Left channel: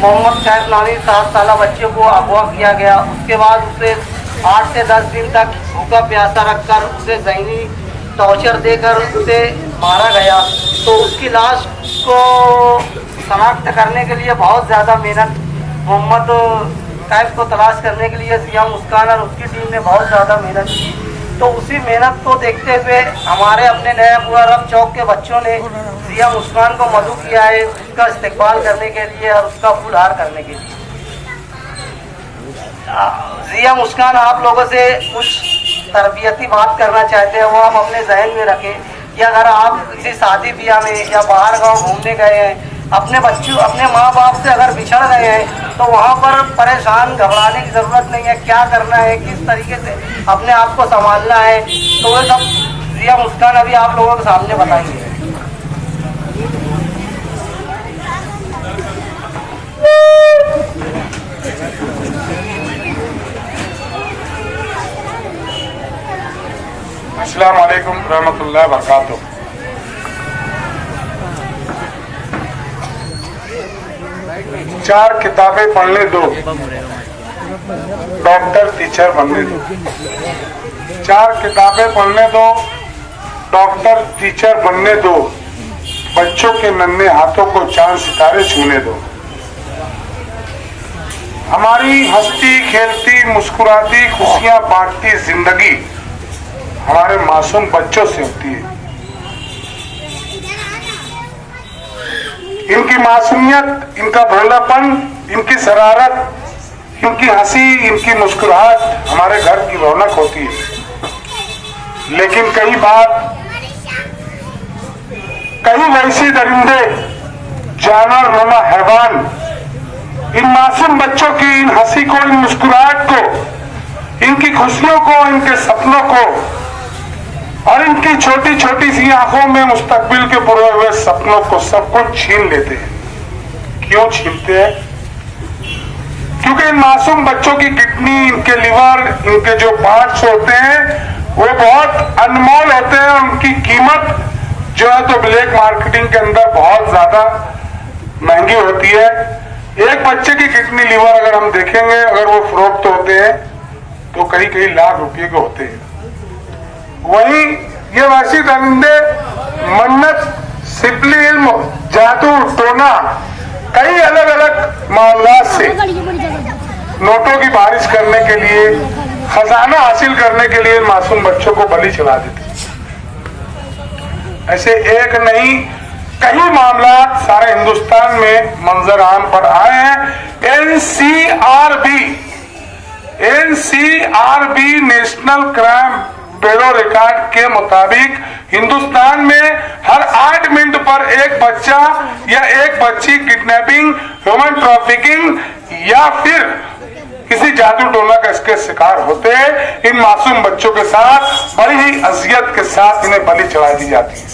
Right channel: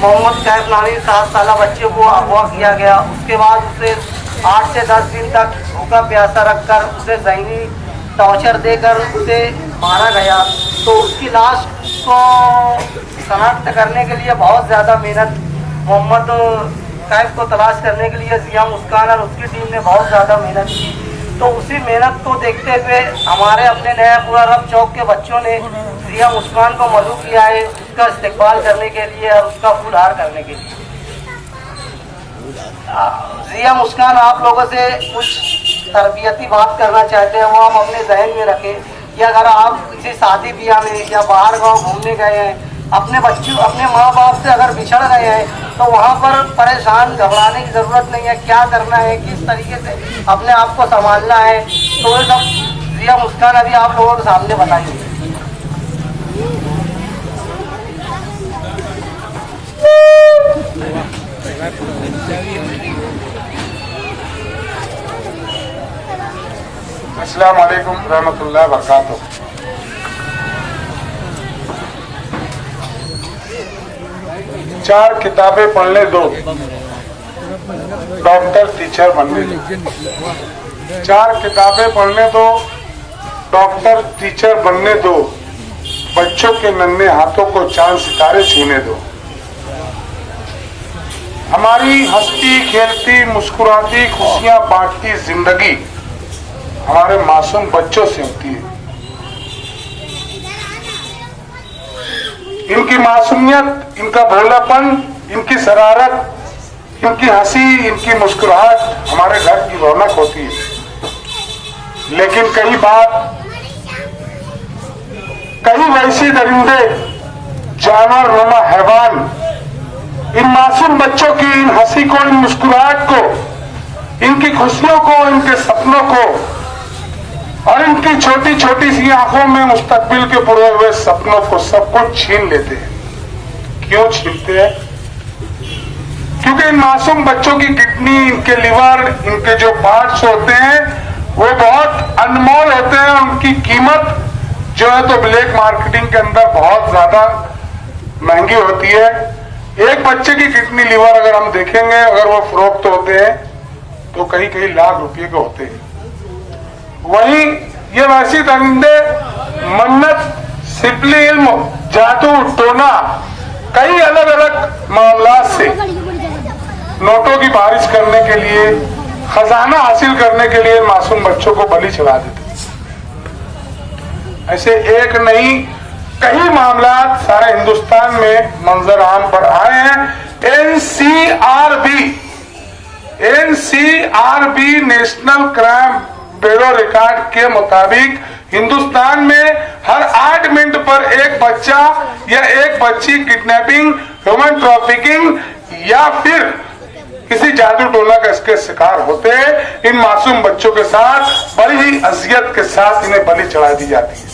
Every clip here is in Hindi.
मोहम्मद कैफ नामी 7 साल बच्चे को अगवा किया गया। उसके बाद उसे 8 से 10 दिन तक भूखा प्यासा रखकर उसे जहरी टॉर्चर देकर उसे मारा गया। तो उसकी लाश को शनाख्त करने के लिए बहुत ज़्यादा मेहनत मोहम्मद कैफ को तलाश करने के लिए जिया मुस्कान और उसकी टीम ने बहुत ज़्यादा मेहनत की। तो उसी मेहनत को देखते हुए हमारे अपने नयापुरा रब चौक के बच्चों ने जिया मुस्कान को मदऊ किया है उसका इस्तेकबाल करने के लिए और उसका फूलहार करने के लिए। जिया मुस्कान आप लोगों से कुछ तरबियती बात करना चाहते हैं, वो आप अपने जहन में रखें कि अगर आप किसी शादी ब्याह में या बाहर गांव घूमने गए हैं, अपने बच्चों अपने माँ बाप से अगर बिछड़ गए हैं तो वहाँ पर परेशान घबराने की ज़रूरत नहीं है। क्या करना है, किस तरीके से अपने आप को संभालना है, तो वो सब जिया मुस्कान अभी आप लोगों के सामने बताएंगे। अस्सलाम वालेकुम रहमतुल्लाह बरकातुहू। चार किताबें पढ़ने दो, डॉक्टर टीचर बनने दो। चार किताबें पढ़ने दो, डॉक्टर टीचर बनने दो। बच्चों के नन्हे हाथों को चांद सितारे छूने दो। हमारी हंसती खेलती मुस्कुराती खुशियां बांटती जिंदगी हमारे मासूम बच्चों से होती है। इनकी मासूमियत, इनका भोलापन, इनकी शरारत, इनकी हंसी, इनकी मुस्कुराहट हमारे घर की रौनक होती है। लेकिन कई बार कई वैसे दरिंदे, जानवर नुमा हैवान इन मासूम बच्चों की इन हंसी को, इन मुस्कुराहट को, इनकी खुशियों को, इनके सपनों को और इनकी छोटी छोटी सी आंखों में मुस्तकबिल के पूरे हुए सपनों को सब कुछ छीन लेते हैं। क्यों छीनते हैं? क्योंकि इन मासूम बच्चों की किडनी, इनके लिवर, इनके जो पार्ट्स होते हैं वो बहुत अनमोल होते हैं। उनकी कीमत जो है तो ब्लैक मार्केटिंग के अंदर बहुत ज्यादा महंगी होती है। एक बच्चे की किडनी, लिवर अगर हम देखेंगे, अगर वो फरोख्त होते हैं तो कई कई लाख रुपए के होते हैं। वहीं ये वैसी दरिंदे मन्नत, सिपली इल्म, जादू, टोना, कई अलग अलग मामला से नोटों की बारिश करने के लिए, खजाना हासिल करने के लिए मासूम बच्चों को बलि चढ़ा देते। ऐसे एक नहीं कई मामला सारे हिंदुस्तान में मंजरान पर आए हैं। NCRB national crime bureau record के मुताबिक हिंदुस्तान में हर 8 मिनट पर एक बच्चा या एक बच्ची किडनैपिंग, ह्यूमन ट्रैफिकिंग या फिर किसी जादू टोना का इसके शिकार होते हैं। इन मासूम बच्चों के साथ बड़ी ही अजियत के साथ इन्हें बलि चढ़ा दी जाती है।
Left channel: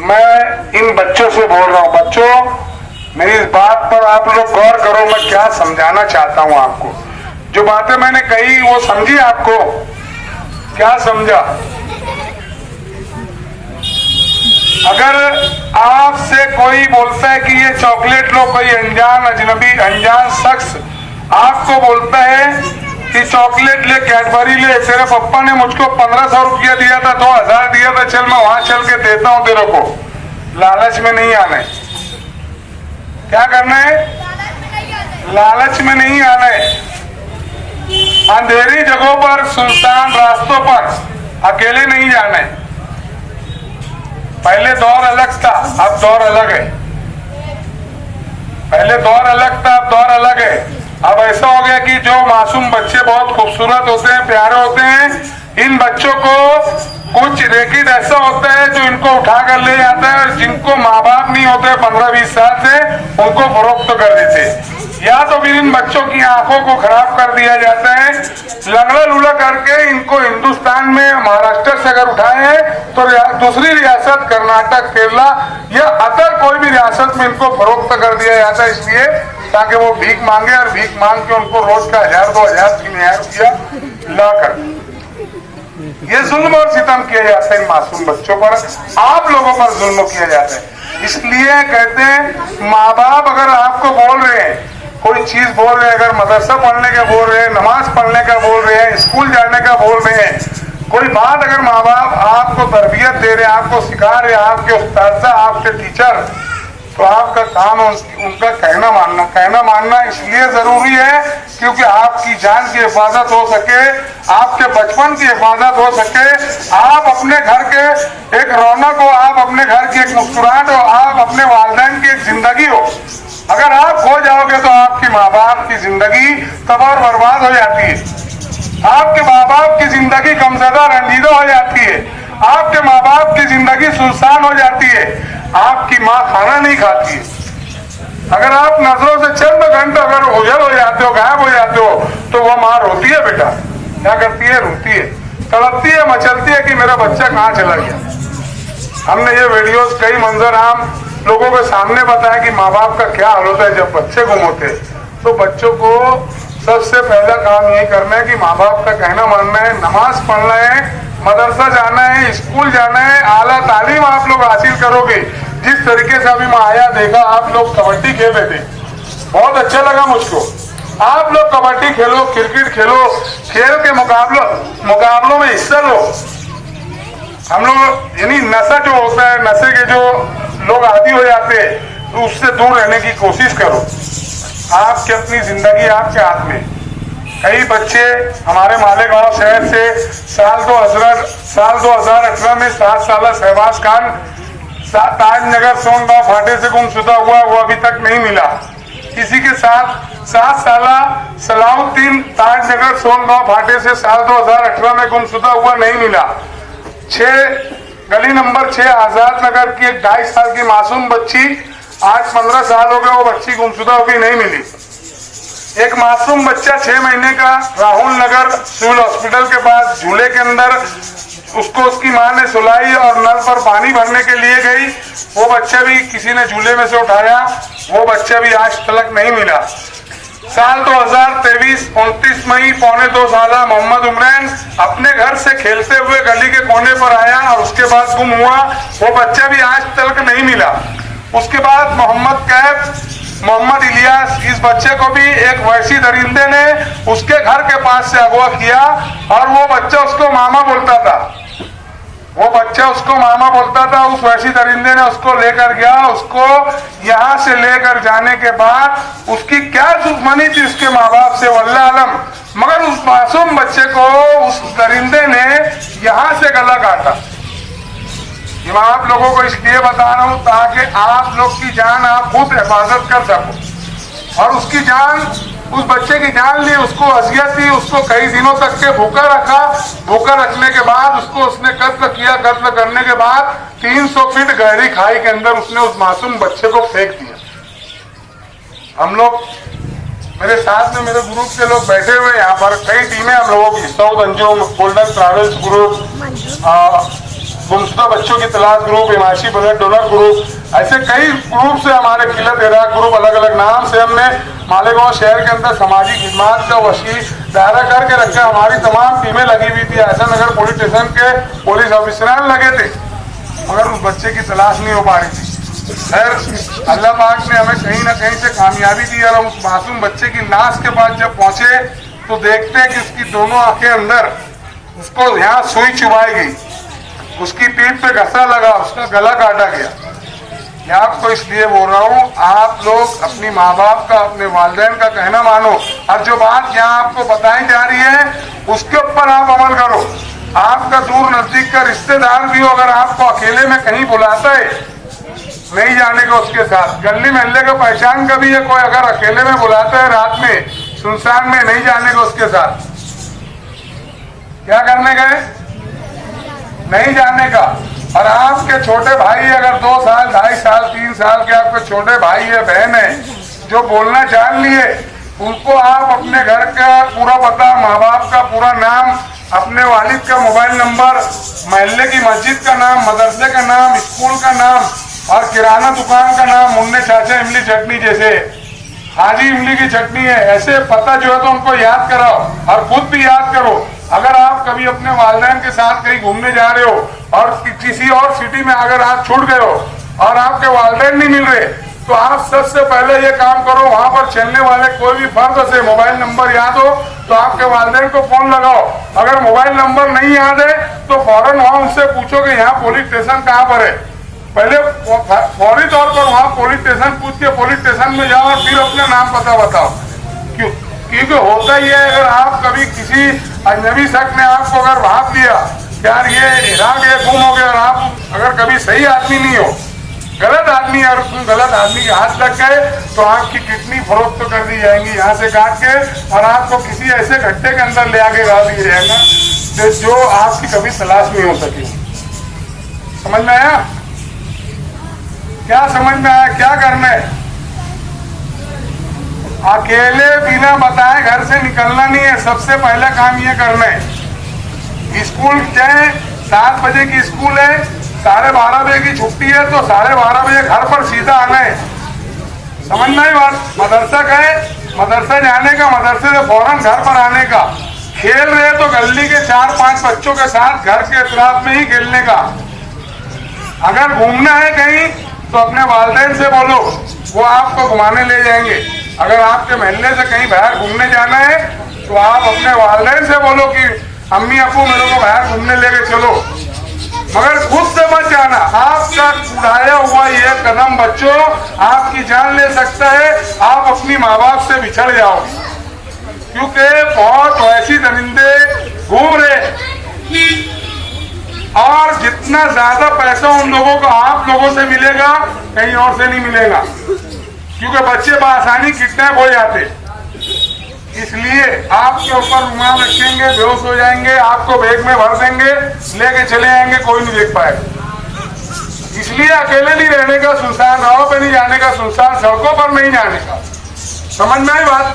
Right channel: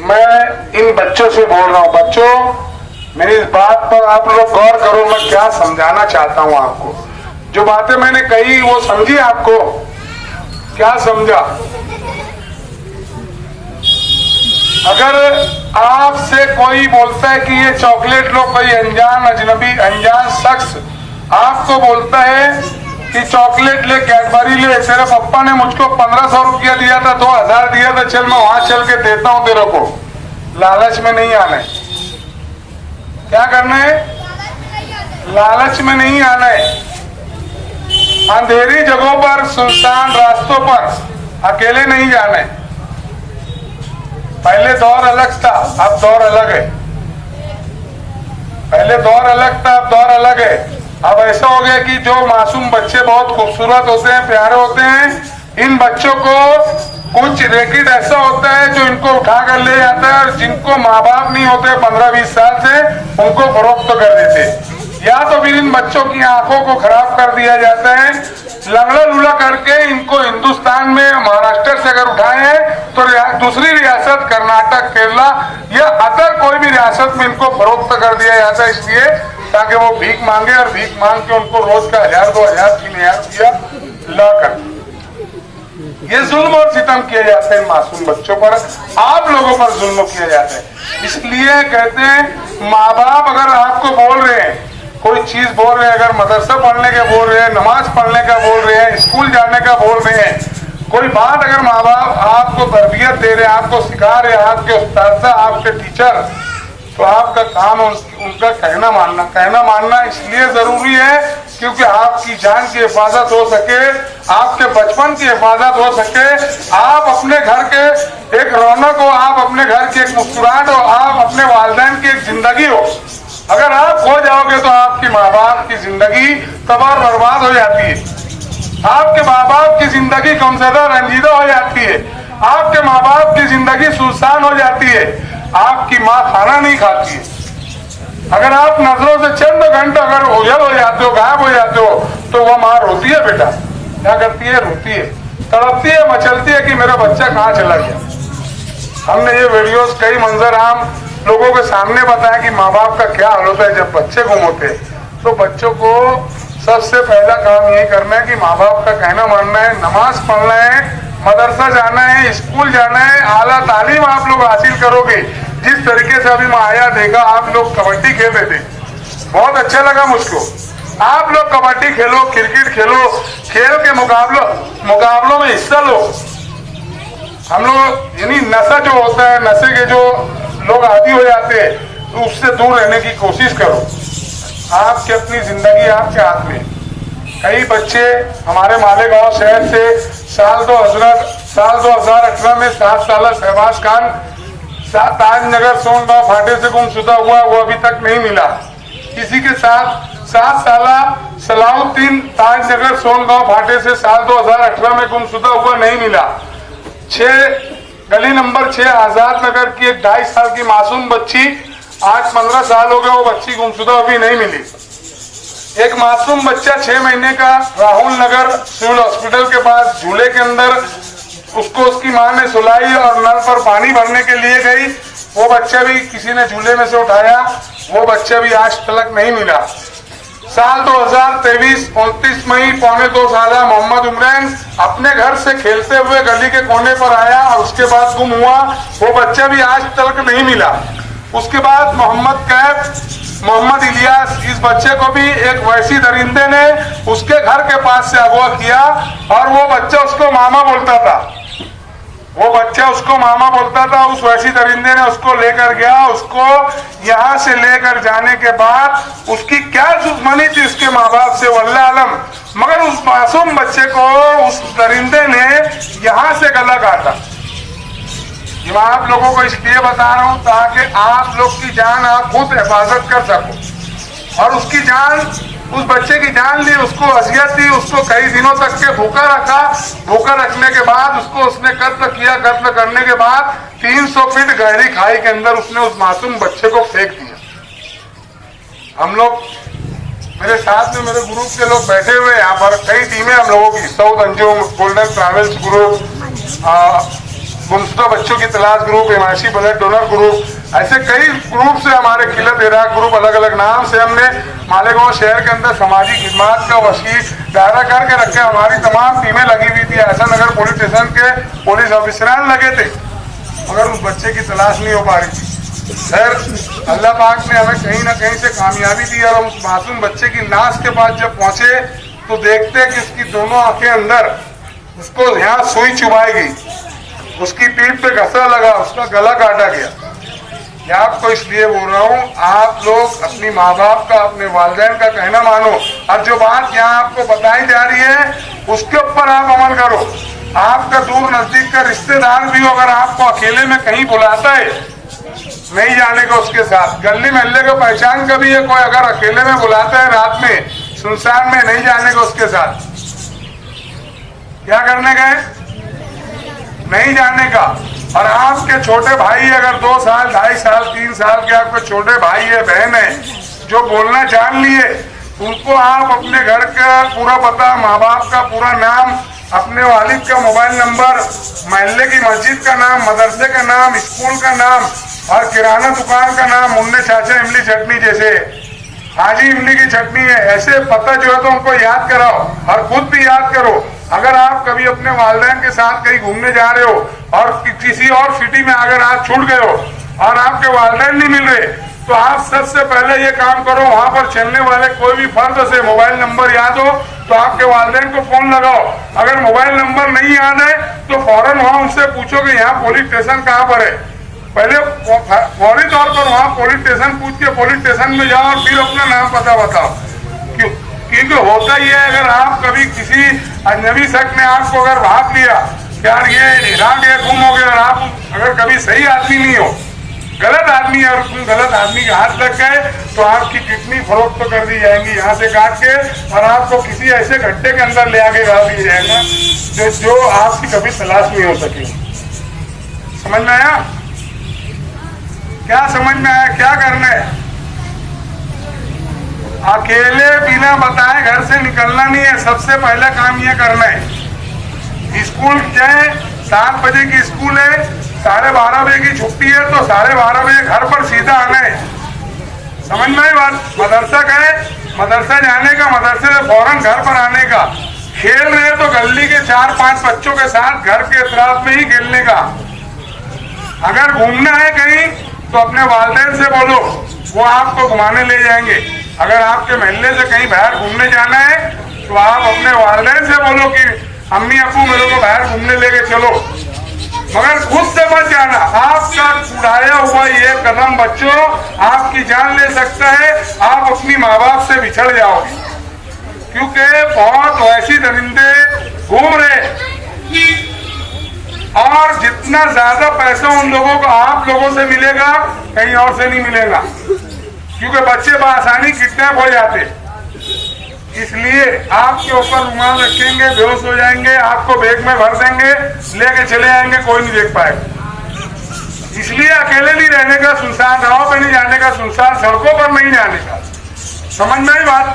मैं इन बच्चों से बोल रहा हूं, बच्चों मेरी इस बात पर आप लोग गौर करो। मैं क्या समझाना चाहता हूं आपको, जो बातें मैंने कही वो समझी आपको? क्या समझा? अगर आपसे कोई बोलता है कि ये चॉकलेट लो, कोई अनजान अजनबी अनजान शख्स आपको बोलता है कि चॉकलेट ले, कैडबरी ले, तेरे पप्पा ने मुझको 1500 रुपया दिया था, 2000 दिया था, चल मैं वहां चल के देता हूं तेरे को। लालच में नहीं आना है। क्या करना है? लालच में नहीं आना है। अंधेरी जगहों पर, सुनसान रास्तों पर अकेले नहीं जाना है। पहले दौर अलग था, अब दौर अलग है। पहले दौर अलग था, अब दौर अलग है। अब ऐसा हो गया कि जो मासूम बच्चे बहुत खूबसूरत होते हैं, प्यारे होते हैं, इन बच्चों को कुछ रैकेट ऐसा होता है जो इनको उठा कर ले जाता है और जिनको माँ बाप नहीं होते 15-20 साल से, उनको फरोख्त कर देते हैं। या तो फिर इन बच्चों की आंखों को खराब कर दिया जाता है, लंगड़ा लूला करके इनको हिंदुस्तान में महाराष्ट्र से अगर उठाए हैं तो दूसरी रियासत, कर्नाटक, केरला या अदर कोई भी रियासत में इनको फरोख्त कर दिया जाता है, इसलिए ताकि वो भीख मांगे और भीख मांग के उनको रोज का 1000, 2000, 3000 रुपया ला कर। ये जुल्म और सितम किया जाता है इन मासूम बच्चों पर, आप लोगों पर जुल्म किया जाता है। इसलिए कहते हैं माँ बाप अगर आपको बोल रहे हैं, कोई चीज बोल रहे हैं, अगर मदरसा पढ़ने का बोल रहे हैं, नमाज पढ़ने का बोल रहे हैं, स्कूल जाने का बोल रहे हैं, कोई बात अगर माँ बाप आपको तरबियत दे रहे हैं, आपको सिखा रहे हैं, आपके उस्ताद, आपके टीचर, तो आपका काम उनका कहना मानना इसलिए जरूरी है क्योंकि आपकी जान की हिफाजत हो सके, आपके बचपन की हिफाजत हो सके, आप अपने घर के एक रौनक हो, आप अपने घर की एक मुस्कुराहट हो, आप अपने वालिदैन की एक जिंदगी हो। अगर आप खो जाओगे तो आपकी माँ बाप की जिंदगी तबाह बर्बाद हो जाती है, आपके माँ बाप की जिंदगी गमज़दा रंजीदा हो जाती है, आपके माँ बाप की जिंदगी सुनसान हो जाती है, आपकी माँ खाना नहीं खाती है। अगर आप नजरों से चंद घंटे अगर ओझल हो जाते हो, गायब हो जाते हो, तो वह माँ रोती है बेटा, क्या करती है, रोती है, तड़पती है, मचलती है कि मेरा बच्चा कहाँ चला गया। हमने ये वीडियोस कई मंजर आम लोगों के सामने बताया कि माँ बाप का क्या हाल होता है जब बच्चे गुम होते हैं। तो बच्चों को सबसे पहला काम ये करना है कि माँ बाप का कहना मानना है, नमाज पढ़ना है, मदरसा जाना है, स्कूल जाना है, आला तालीम आप लोग हासिल करोगे। जिस तरीके से अभी मैं आया देखा आप लोग कबड्डी खेल रहे थे, बहुत अच्छा लगा मुझको। आप लोग कबड्डी खेलो, क्रिकेट खेलो, खेल के मुकाबलों में हिस्सा लो। हम लोग यानी नशा जो होता है, नशे के जो लोग आदी हो जाते हैं, तो उससे दूर रहने की कोशिश करो। आपकी अपनी जिंदगी आपके हाथ में। कई बच्चे हमारे मालेगांव शहर से साल 2018 में 7 साल शहबाज खान ताजनगर सोनगांव फाटे से गुमशुदा हुआ, वो अभी तक नहीं मिला। इसी के साथ 7 साल सलाउद्दीन ताजनगर सोनगांव फाटे से साल 2018 में गुमशुदा हुआ, नहीं मिला। 6 गली नंबर 6 आजाद नगर की एक 2.5 साल की मासूम बच्ची, आज 15 साल हो गए, वो बच्ची गुमशुदा अभी नहीं मिली। एक मासूम बच्चा 6 महीने का राहुल नगर सिविल हॉस्पिटल के पास झूले के अंदर, उसको उसकी मां ने सुलाई और नल पर पानी भरने के लिए गई, वो बच्चा भी किसी ने झूले में से उठाया, वो बच्चा भी आज तक नहीं मिला। साल 2023 29 मई 1.25 साल मोहम्मद उमरान अपने घर से खेलते हुए गली के कोने पर आया और उसके बाद गुम हुआ, वो बच्चा भी आज तक नहीं मिला। उसके बाद मोहम्मद कैफ, मोहम्मद इलियास, इस बच्चे को भी एक वैसी दरिंदे ने उसके घर के पास से अगवा किया और वो बच्चा उसको मामा बोलता था, उस वैसी दरिंदे ने उसको लेकर गया। उसको यहाँ से लेकर जाने के बाद उसकी क्या दुश्मनी थी उसके माँ बाप से वल्लाह आलम, मगर उस मासूम बच्चे को उस दरिंदे ने यहाँ से गला काटा। ये मैं आप लोगों को इसलिए बता रहा हूं ताकि आप लोग की जान आप खुद हिफाजत कर सको। और उसकी जान, उस बच्चे की जान ली, उसको अजियत दी, उसको कई दिनों तक के भूखा रखा। भूखा रखने के बाद उसको उसने कत्ल किया। कत्ल करने के बाद 300 फीट गहरी खाई के अंदर उसने उस मासूम बच्चे को फेंक दिया। हम लोग, मेरे साथ में मेरे ग्रुप के लोग बैठे हुए यहाँ पर, कई टीमें हम लोगों की, Saud Anjum, golden travels group, गुमशुदा बच्चों की तलाश ग्रुप, हिमायशी ब्लड डोनर ग्रुप, ऐसे कई ग्रुप से हमारे किलत इराक ग्रुप, अलग अलग नाम से हमने मालेगांव शहर के अंदर समाजी खिदमात का वसी दायरा करके रखा। हमारी तमाम टीमें लगी हुई थी। ऐसा नगर पुलिस स्टेशन के पुलिस ऑफिसरान लगे थे, मगर उस बच्चे की तलाश नहीं हो पा रही थी। खैर अल्लाह पाक ने हमें कहीं ना कहीं से कामयाबी दी और उस मासूम बच्चे की लाश के पास जब पहुंचे तो देखते कि उसकी दोनों आंखें अंदर, उसको यहाँ सुई चुभाई गई, उसकी पीठ पे घसा लगा, उसका गला काटा गया। मैं आपको इसलिए बोल रहा हूँ, आप लोग अपनी माँ बाप का, अपने वालिदैन का कहना मानो। और जो बात यहाँ आपको बताई जा रही है उसके ऊपर आप अमल करो। आपका दूर नजदीक का रिश्तेदार भी हो, अगर आपको अकेले में कहीं बुलाता है, नहीं जाने को उसके साथ, गली महल्ले का पहचान का भी है कोई, अगर अकेले में बुलाता है रात में सुनसान में, नहीं जाने को उसके साथ। क्या करने गए? नहीं जाने का। और आपके छोटे भाई अगर 2 साल, 2.5 साल, 3 साल के आपके छोटे भाई है, बहन है, जो बोलना जान लिए, उनको आप अपने घर का पूरा पता, माँ बाप का पूरा नाम, अपने वालिद का मोबाइल नंबर, महल्ले की मस्जिद का नाम, मदरसे का नाम, स्कूल का नाम और किराना दुकान का नाम, मुन्ने चाचा इमली चटनी जैसे हाजी इमली की चटनी है, ऐसे पता जो है तो उनको याद कराओ और खुद भी याद करो। अगर आप कभी अपने वालिदैन के साथ कहीं घूमने जा रहे हो और किसी और सिटी में अगर आप छूट गए हो और आपके वालिदैन नहीं मिल रहे, तो आप सबसे पहले ये काम करो, वहां पर चलने वाले कोई भी फर्द से मोबाइल नंबर याद हो तो आपके वालिदैन को फोन लगाओ। अगर मोबाइल नंबर नहीं याद है तो फौरन वहां उनसे पूछो कि यहाँ पुलिस स्टेशन कहाँ पर है। पहले फौरी तौर पर वहां पुलिस स्टेशन पूछ के पुलिस स्टेशन में जाओ और फिर अपना नाम पता बताओ। क्योंकि होता ही है, अगर आप कभी किसी अजनबी शख्स ने आपको अगर भाग दिया कि यार ये हिरा गया, गुम हो गया, और आप अगर कभी सही आदमी नहीं हो, गलत आदमी और गलत आदमी के हाथ लग गए तो आपकी किडनी फरोख्त तो कर दी जाएंगी यहाँ से काट के, और आपको किसी ऐसे गड्ढे के अंदर ले आके गाड़ दिया जाएगा जो आपकी कभी तलाश नहीं हो सकी। समझ में आया? क्या समझ में आया? क्या करना है? अकेले बिना बताए घर से निकलना नहीं है। सबसे पहला काम ये करना है, स्कूल चाहे 7 बजे की स्कूल है, 12:30 बजे की छुट्टी है, तो 12:30 बजे घर पर सीधा आना है। समझ में आई बात? मदरसा का है, मदरसा जाने का, मदरसे से फौरन घर पर आने का। खेल रहे तो गली के 4-5 बच्चों के साथ घर के इतराफ में ही खेलने का। अगर घूमना है कहीं तो अपने वालिदैन से बोलो, वो आपको घुमाने ले जाएंगे। अगर आपके मोहल्ले से कहीं बाहर घूमने जाना है तो आप अपने वालिदैन से बोलो कि अम्मी अब्बू मेरे को बाहर घूमने लेके चलो, मगर खुद से मत जाना। आपका उड़ाया हुआ ये कदम बच्चों आपकी जान ले सकता है। आप अपनी माँ बाप से बिछड़ जाओगे, क्योंकि बहुत वैसी दरिंदे घूम रहे, और जितना ज्यादा पैसा उन लोगों को आप लोगों से मिलेगा कहीं और से नहीं मिलेगा, क्योंकि बच्चे बआसानी किडनैप हो जाते। इसलिए आपके ऊपर रुमाल रखेंगे, बेहोश हो जाएंगे, आपको बैग में भर देंगे, लेके चले जाएंगे, कोई नहीं देख पाएगा। इसलिए अकेले नहीं रहने का, सुनसान राहों पे नहीं जाने का, सुनसान सड़कों पर नहीं जाने का। समझ में आई बात?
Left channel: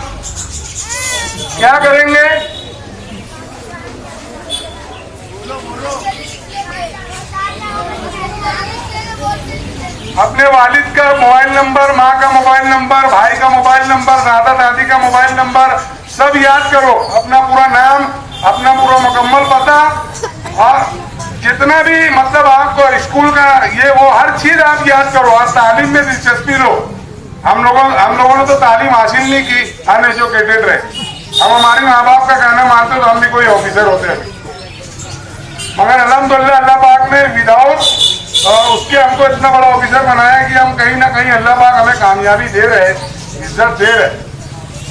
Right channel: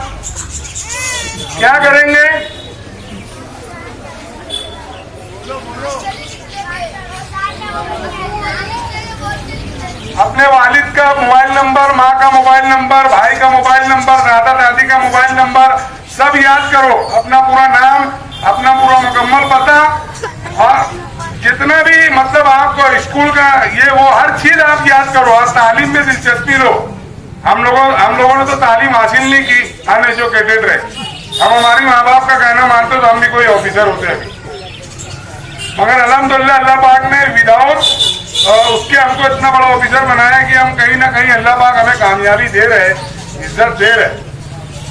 क्या करेंगे? अपने वालिद का मोबाइल नंबर, माँ का मोबाइल नंबर, भाई का मोबाइल नंबर, दादा दादी का मोबाइल नंबर सब याद करो। अपना पूरा नाम, अपना पूरा मुकम्मल पता, और जितना भी मतलब आपको स्कूल का ये वो हर चीज आप याद करो। और तालीम में दिलचस्पी लो। हम लोगों ने तो तालीम हासिल नहीं की, अनएजुकेटेड रहे। हम हमारी माँ बाप का कहना मानते तो हम भी कोई ऑफिसर होते अभी, मगर अल्हम्दुलिल्लाह अल्लाह पाक ने विदाउट उसके हमको इतना बड़ा ऑफिसर बनाया कि हम कहीं ना कहीं अल्लाह पाक हमें कामयाबी दे रहे, इज्जत दे रहे।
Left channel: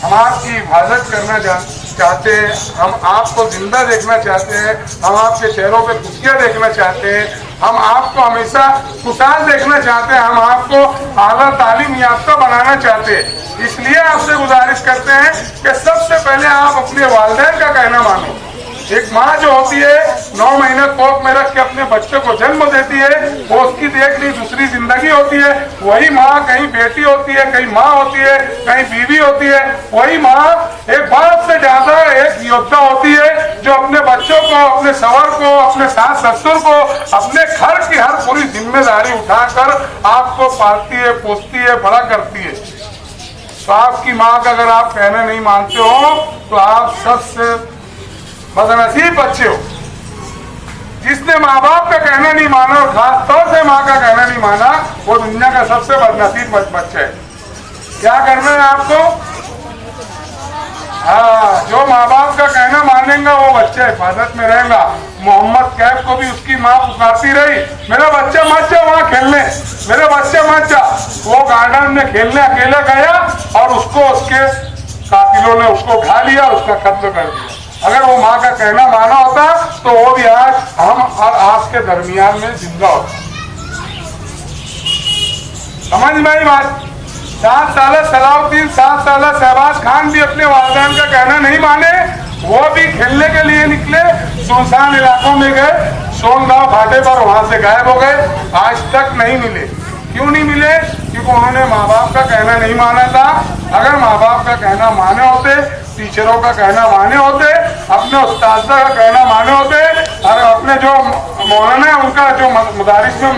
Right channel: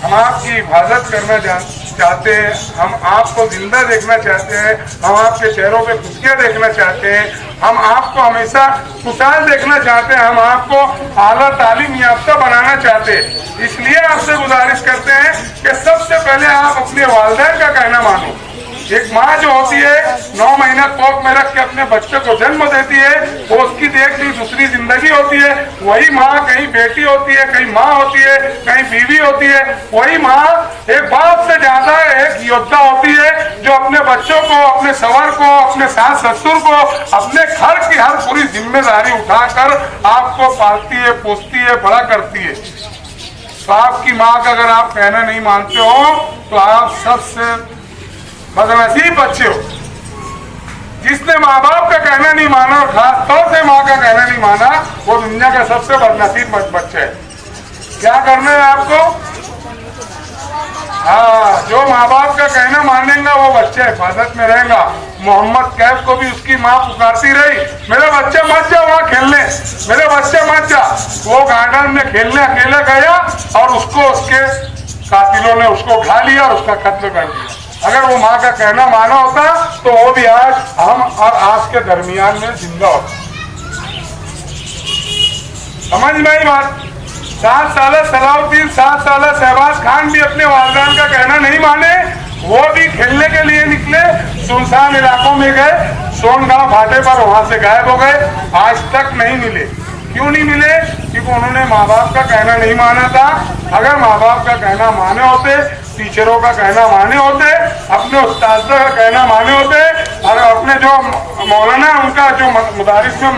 हम आपकी हिफाजत करना चाहते हैं, हम आपको जिंदा देखना चाहते हैं, हम आपके चेहरों पे खुशियाँ देखना चाहते हैं, हम आपको हमेशा खुशहाल देखना चाहते हैं, हम आपको आला तालीम याफ्ता बनाना चाहते हैं। इसलिए आपसे गुजारिश करते हैं कि सबसे पहले आप अपने वालिदैन का कहना मानो। एक माँ जो होती है 9 महीने कोख में रख के अपने बच्चे को जन्म देती है, वो उसकी देख ली दूसरी जिंदगी होती है। वही माँ कहीं बेटी होती है, कहीं माँ होती है, कहीं बीवी होती है। वही माँ एक बाप से ज्यादा एक योद्धा होती है, जो अपने बच्चों को, अपने सवर को, अपने सास ससुर को, अपने घर की हर पूरी जिम्मेदारी उठाकर आपको पालती है, पोसती है, बड़ा करती है। तो आपकी माँ का अगर आप कहना नहीं मानते हो तो आप सबसे बदनसीब बच्चे हो। जिसने माँ बाप का कहना नहीं माना और खास तौर से माँ का कहना नहीं माना, वो दुनिया का सबसे बदनसीब बच्चा है। क्या करना है आपको? हाँ, जो माँ बाप का कहना मानेगा वो बच्चा हिफाजत में रहेगा। मोहम्मद कैफ को भी उसकी माँ पुकारती रही, मेरा बच्चा मत जा वहाँ खेलने, मेरा बच्चा मत जा। वो गार्डन में खेलने अकेला गया और उसको उसके कातिलों ने उसको उठा लिया और उसका कत्ल कर दिया। अगर वो माँ का कहना माना होता तो वो भी आज हम और आपके दरमियान में जिंदा होता। समझ में आई बात? 7 साल सलाउद्दीन, 7 साल शहबाज खान भी अपने वालिदैन का कहना नहीं माने। वो भी खेलने के लिए निकले, सुनसान इलाकों में गए, सोनगांव फाटे पर, वहां से गायब हो गए, आज तक नहीं मिले। क्यों नहीं मिले? क्योंकि उन्होंने माँ बाप का कहना नहीं माना था। अगर माँ बाप का कहना माने होते, टीचरों का कहना माने होते, अपने उस्ताद का कहना माने होते, और अपने जो मौलाना उनका जो मदारिस में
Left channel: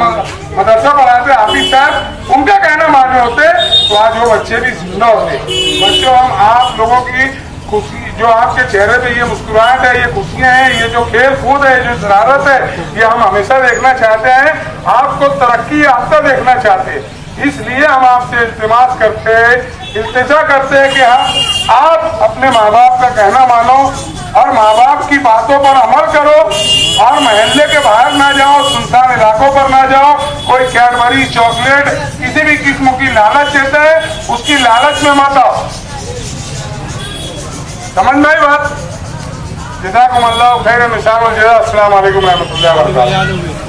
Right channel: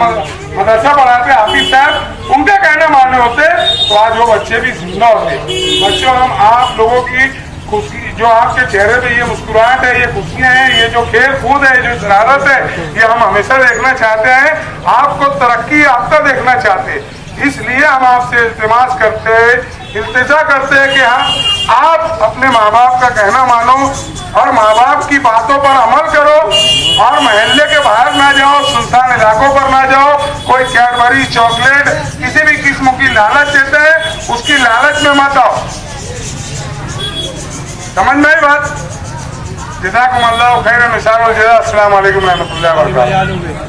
मदरसा पढ़ाते हाफिज साहब, उनका कहना माने होते, तो आज वो बच्चे भी जिंदा होते। बच्चों, हम आप लोगों की खुशी, जो आपके चेहरे पे ये मुस्कुराहट है, ये खुशियां हैं, ये जो खेल कूद है, जो शरारत है, ये हम हमेशा देखना चाहते हैं। आपको तरक्की याफ्ता देखना चाहते हैं। इसलिए हम आपसे इल्तिमास करते हैं, इल्तिजा करते हैं कि हाँ आप अपने माँ बाप का कहना मानो और माँ बाप की बातों पर अमल करो और मोहल्ले के बाहर ना जाओ, सुनसान इलाकों पर ना जाओ। कोई कैडबरी, चॉकलेट, किसी भी किस्म की लालच देते हैं, उसकी लालच में मत आओ। समझ में आई बात? जज़ाकुमुल्लाह खैरन, अस्सलाम वालेकुम रहमतुल्लाहि व बरकातहू।